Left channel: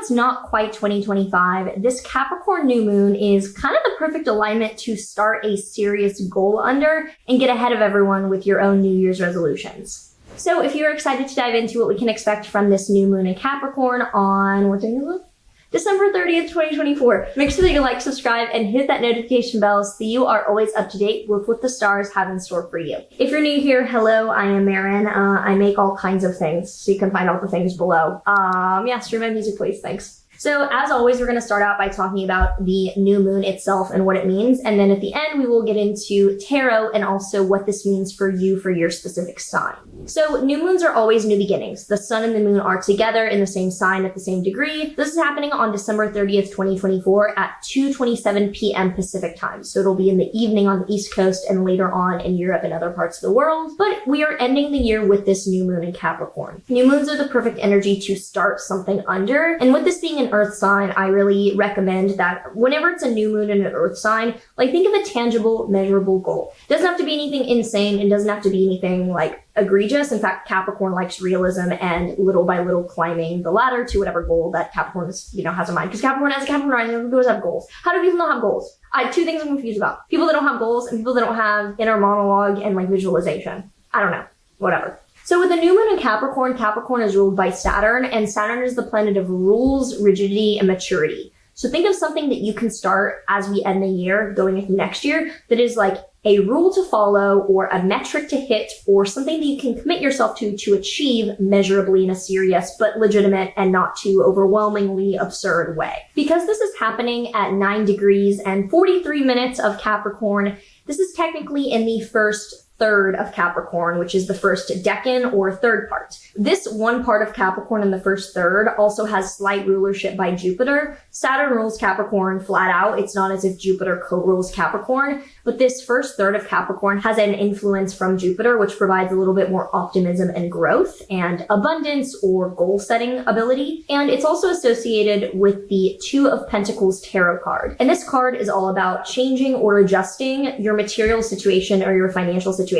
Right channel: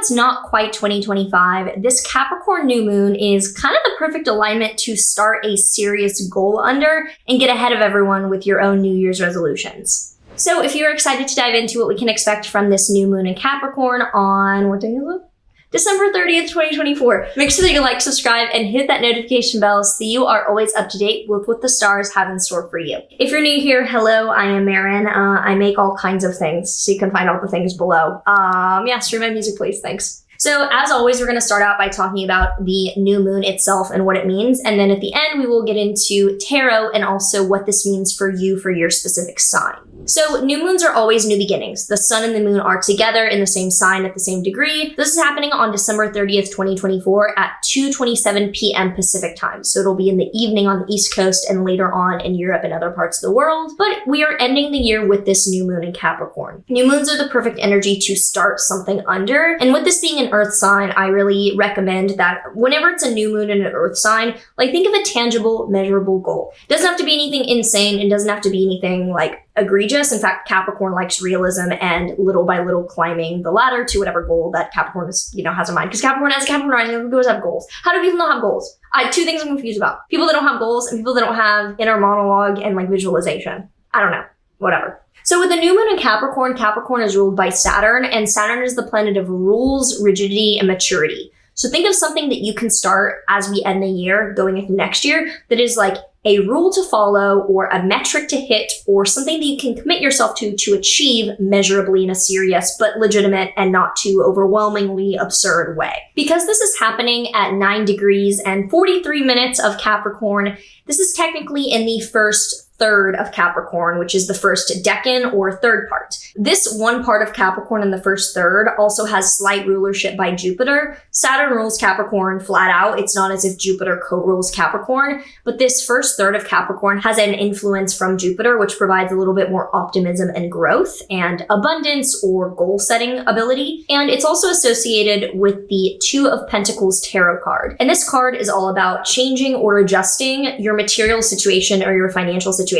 it's not quite 2025, this Capricorn new moon is kind of the perfect alignment to start a serious goal under and get ahead of everyone with your own New Year's resolutions. So if you're excited to dive into what we can expect from this new moon in Capricorn on, what day is it? December 30th, 2024. Make sure that you like, subscribe, and hit that notification bell so you are always up to date with what the stars have in store for you. If you're new here, hello, I am Maren. I make all kinds of things, so you can find all the things below. Stream my music, please, thanks. So as always, we're going to start out by talking about the new moon itself and what it means. And then at the end, we will get into tarot and also what this means for you for your specific sign. So new moons are always new beginnings. The sun and the moon are together in the same sign at the same degree. This is happening on December 30th, 2024 at 2:27 p.m. Pacific time. So it'll be in the evening on the East Coast and later on in Europe and other parts of the world. But we are ending the year with this new moon in Capricorn. New moons are the perfect energy to start something under. And with this being an earth sign, I really recommend that whenever it's a new moon in an earth sign, like think of a tangible, measurable goal. It doesn't have to be anything insane. It doesn't have to be anything like egregious. In fact, Capricorn likes realism and little by little climbing the ladder to whatever goal that Capricorn is, has in mind. Because Capricorn has a Capricorn rising, people have goals. How do people not have goals? Two things I'm confused about. People that don't have goals and people that don't have inner monologue and like visualization. I don't know. Whatever. So with the new moon in Capricorn, Capricorn is ruled by Saturn, and Saturn is the planet of rules, rigidity, and maturity. So think of something that you can start as we end the year, going into next year, that is like a rule to follow or a metric to hit or something that you can commit yourself to achieve measurably in a serious but legitimate and not too overwhelmingly absurd way. Because this is happening at 9 degrees and 43 minutes of Capricorn, this is technically in the first third of Capricorn, which is the first decan or third part. This one part of Capricorn in the first third also has slight rulership by Jupiter. Saturn rules Capricorn flat out. It's not as if Jupiter co-rules Capricorn, but this first third of Capricorn has an influence from Jupiter, which provides a little bit more optimism and growth and abundance or goal setting ability. And it's also associated with the Two of Pentacles tarot card. And this card is all about changing or adjusting your material situation or your financial situation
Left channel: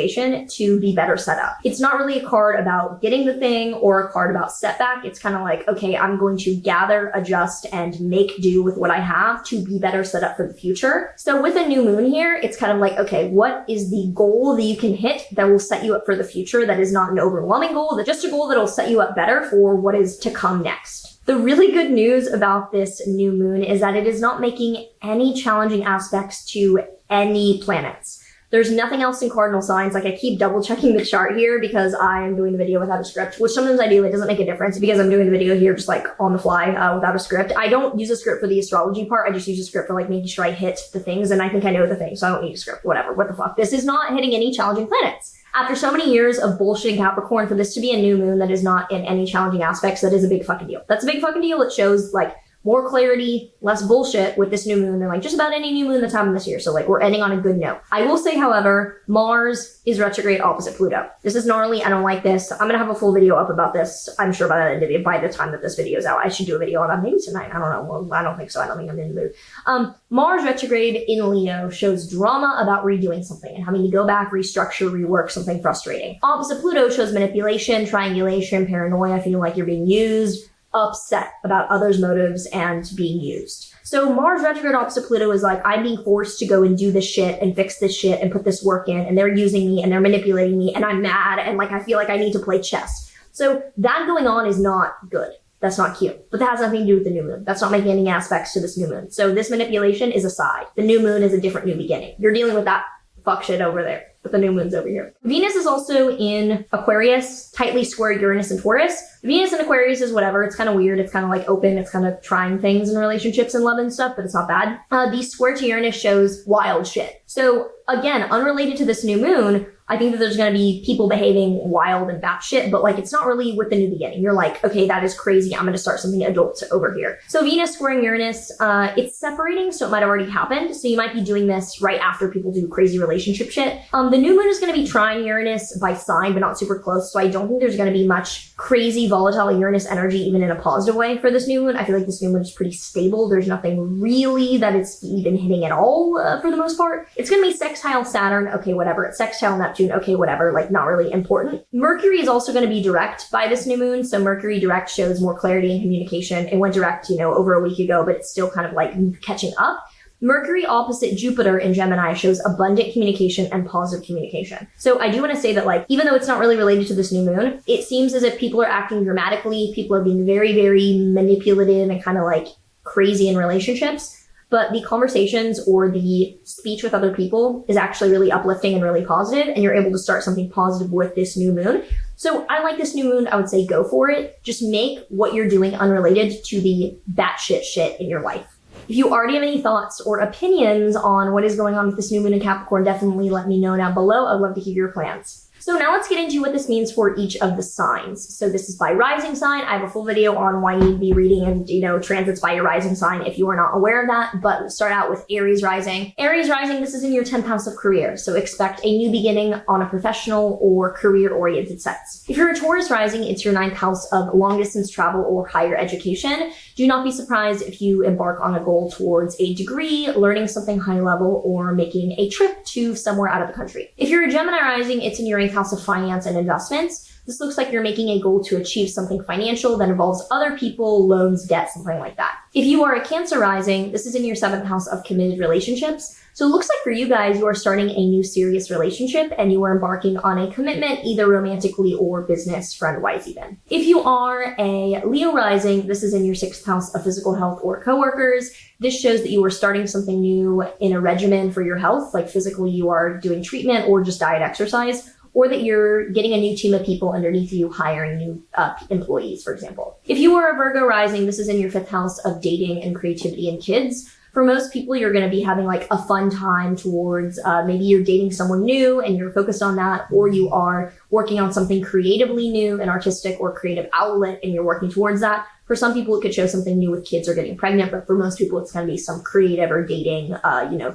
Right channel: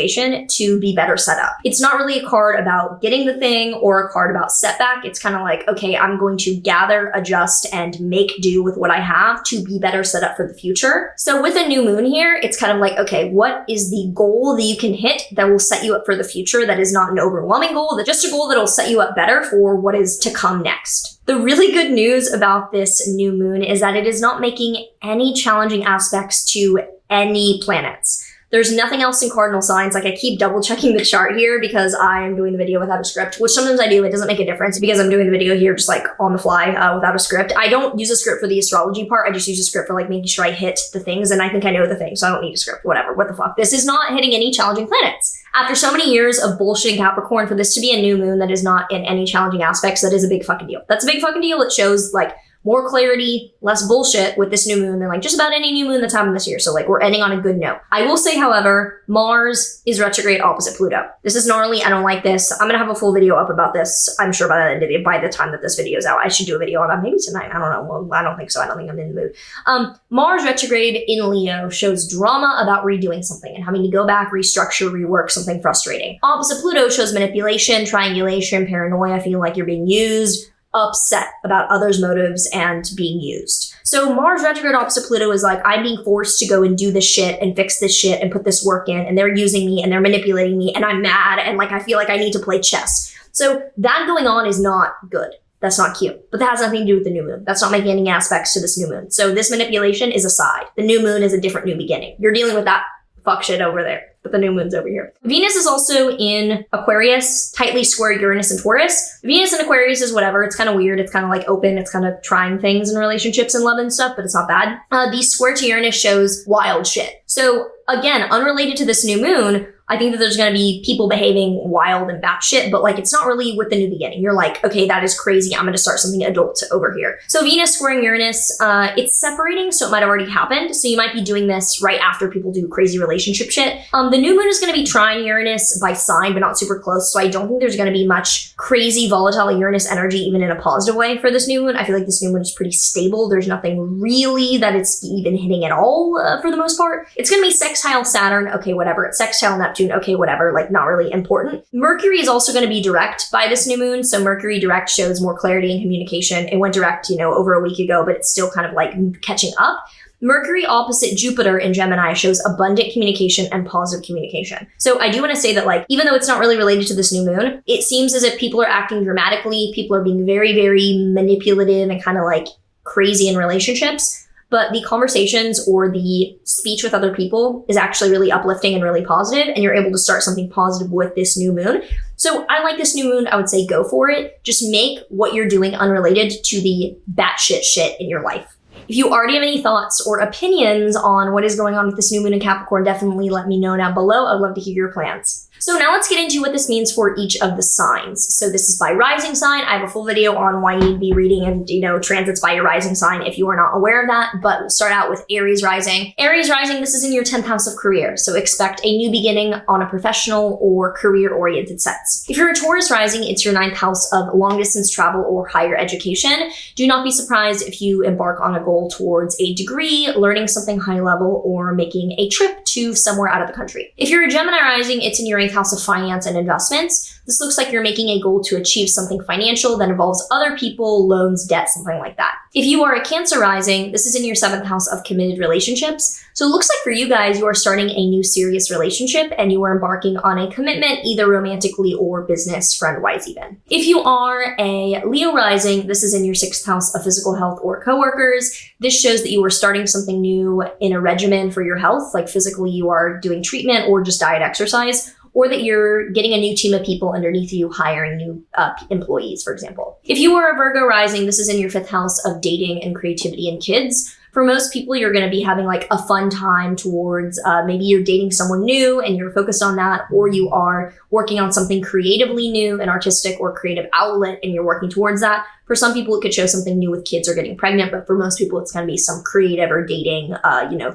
to be better set up. It's not really a card about getting the thing or a card about setback. It's kind of like, okay, I'm going to gather, adjust, and make do with what I have to be better set up for the future. So with a new moon here, it's kind of like, okay, what is the goal that you can hit that will set you up for the future? That is not an overwhelming goal, that's just a goal that will set you up better for what is to come next. The really good news about this new moon is that it is not making any challenging aspects to any planets. There's nothing else in cardinal signs. Like I keep double checking the chart here because I am doing the video without a script, which sometimes I do. It doesn't make a difference because I'm doing the video here just like on the fly without a script. I don't use a script for the astrology part. I just use a script for like making sure I hit the things, and I think I know the things, so I don't need a script. Whatever, what the fuck. This is not hitting any challenging planets. After so many years of bullshitting Capricorn, for this to be a new moon that is not in any challenging aspects, that is a big fucking deal. That's a big fucking deal. It shows like more clarity, less bullshit with this new moon than like just about any new moon that's happened this year. So like we're ending on a good note. I will say, however, Mars is retrograde opposite Pluto. This is gnarly. I don't like this. I'm gonna have a full video up about this. I'm sure by the time that this video is out. I should do a video on that maybe tonight. I don't know. Well, I don't think so. I don't think I'm in the mood. Mars retrograde in Leo shows drama about redoing something and having to go back, restructure, rework something frustrating. Opposite Pluto shows manipulation, triangulation, paranoia, feeling like you're being used, upset about others' motives and being used. So Mars retrograde opposite Pluto is like, I'm being forced to go and do this shit and fix this shit and put this work in, and they're using me and they're manipulating me and I'm mad and like I feel like I need to play chess. So that going on is not good. That's not cute. But that has nothing to do with the new moon. That's not making any aspects to this new moon. So this manipulation is aside. The new moon is a different new beginning. You're dealing with that fuck shit over there. But the new moon's over here. Venus is also in Aquarius, tightly square Uranus and Taurus. Venus in Aquarius is whatever. It's kind of weird. It's kind of like open. It's kind of trying things in relationships and love and stuff, but it's not bad. The square to Uranus shows wild shit. So again, unrelated to this new moon, I think that there's going to be people behaving wild and batshit, but like it's not really with the new beginning. You're like, okay, that is crazy. I'm going to start something adult over here. So Venus squaring Uranus, it's separating, so it might have already happened. So you might be doing this right after people do crazy relationship shit. The new moon is going to be trine Uranus by sign, but not super close. So I don't think there's going to be much crazy volatile Uranus energy, even in a positive way for this new moon. I feel like this new moon is pretty stable. There's nothing really that it's even hitting at all for the most part. It's going to be sextile Saturn. Okay, whatever. It's sextile Neptune. Neptune, okay, whatever, like not really important. Mercury is also going to be direct by this new moon. So Mercury direct shows more clarity and communication. It went direct, over a week ago, but it's still kind of like catching up. Mercury opposite Jupiter in Gemini shows abundant communication and positive communication. So I do want to say that, like, even though it's not really related to this new moon, it seems as if people are acting dramatically. People are being very, very manipulative and kind of like crazy in relationships. But the conversations or the speech with other people is actually really uplifting and really positive, and you're able to start something positive with this new moon. So I like this new moon. I would say go for it. Just make what you're doing unrelated to the batshit shit in your life. If you already have any thoughts or opinions on what is going on with this new moon in Capricorn, definitely let me know down below. I'd love to hear your plans. So now let's get into what this means for each of the signs. So this is by rising sign. I have a full video on why you need to be reading and, transits by your rising sign if you are not aware of that. But we'll start out with Aries rising. Aries rising, this is in your 10th house of career. So expect a new beginning on a professional or career-oriented sense. If you're a Taurus rising, it's your 9th house of long distance travel or higher education. Do not be surprised if you embark on a goal towards a degree, learning something high level, or making a trip to somewhere out of the country. If you're a Gemini rising, it's in your 8th house of finance and investments. This looks like you're making a goal to achieve something financial that involves other people, loans, debt, something like that. If you are a Cancer rising, this is in your 7th house of committed relationships. So it looks like for you guys, you are starting a new serious relationship and you are embarking on a commitment, either romantically or business, friend-wise even. If you are a Leo rising, this is in your 6th house of physical health or coworkers. This shows that you are starting something new in a regimen for your health, like physically you are doing treatment or just diet exercise, or that you're getting a new team of people underneath you, hiring new employees, for example. If you are a Virgo rising, this is in your 5th house of dating and creativity and kids. For most people, you're going to be having like a fun time towards maybe you're dating someone new and you're focused on that, or you are working on something creatively new, an artistic or creative outlet, and you're working towards that. For some people, it could show something new with kids or getting pregnant, but for most people, it's going to be some creative or dating,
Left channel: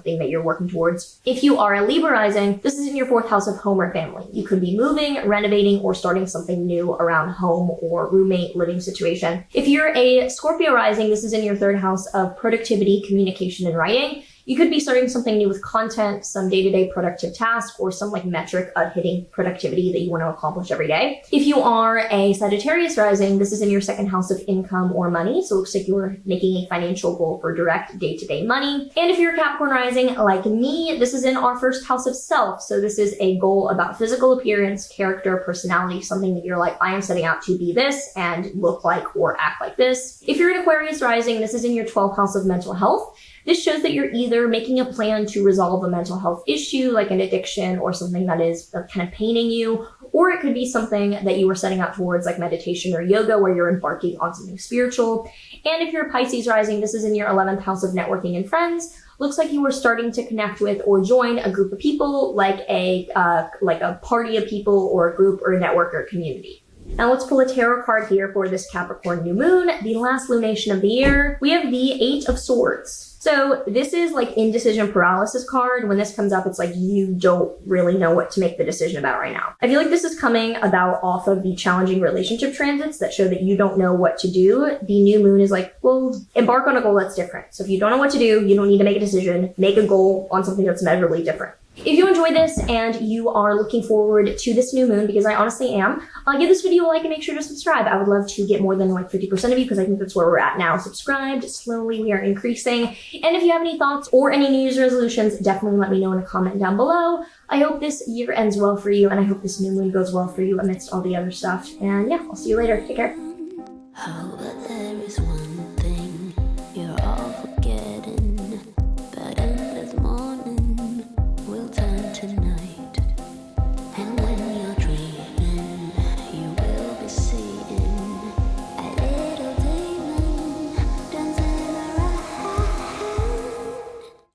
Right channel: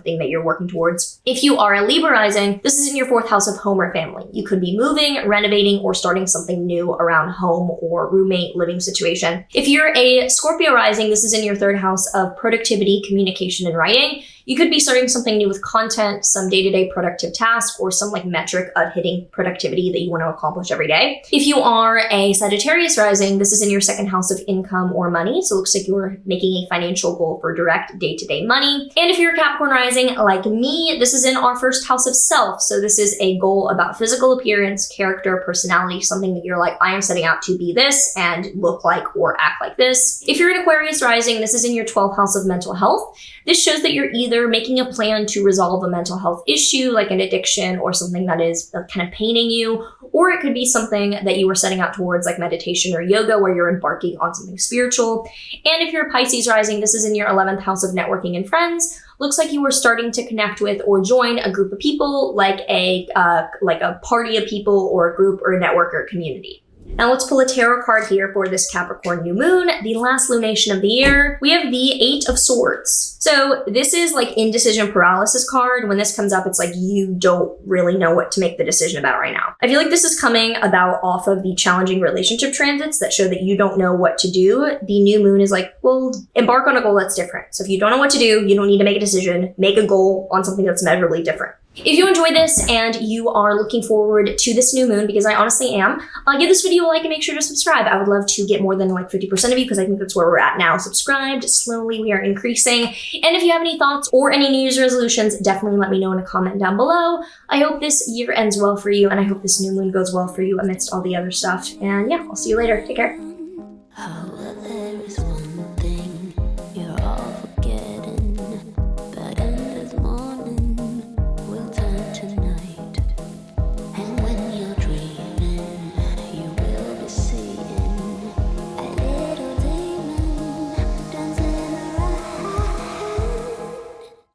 thing that you're working towards. If you are a Libra rising, this is in your 4th house of home or family. You could be moving, renovating, or starting something new around home or roommate living situation. If you're a Scorpio rising, this is in your 3rd house of productivity, communication, and writing. You could be starting something new with content, some day-to-day productive task, or some like metric of hitting productivity that you want to accomplish every day. If you are a Sagittarius rising, this is in your 2nd house of income or money. So it looks like you're making a financial goal for direct day-to-day money. And if you're a Capricorn rising like me, this is in our 1st house of self. So this is a goal about physical appearance, character, personality, something that you're like, I am setting out to be this and look like or act like this. If you're an Aquarius rising, this is in your 12th house of mental health. This shows that you're either making a plan to resolve a mental health issue like an addiction or something that is kind of paining you, or it could be something that you are setting out towards like meditation or yoga where you're embarking on something spiritual. And if you're a Pisces rising, this is in your 11th house of networking and friends. Looks like you were starting to connect with or join a group of people like a party of people or a group or a network or community. Now let's pull a tarot card here for this Capricorn new moon, the last lunation of the year. We have the 8 of Swords. So this is like indecision paralysis card. When this comes up, it's like you don't really know what to make the decision about right now. I feel like this is coming about off of the challenging relationship transits that show that you don't know what to do. The new moon is like, well, embark on a goal that's different. So if you don't know what to do, you don't need to make a decision. Make a goal on something that's measurably different. If you enjoyed this and you are looking forward to this new moon, because I honestly am, give this video a like and make sure to subscribe. I would love to get more than like 50% of you because I think that's where we're at now. Subscribed, slowly we are increasing. And if you have any thoughts or any New Year's resolutions, definitely let me know in a comment down below. I hope this year ends well for you and I hope this new moon goes well for you amidst all the other stuff. And yeah, I'll see you later. Take care.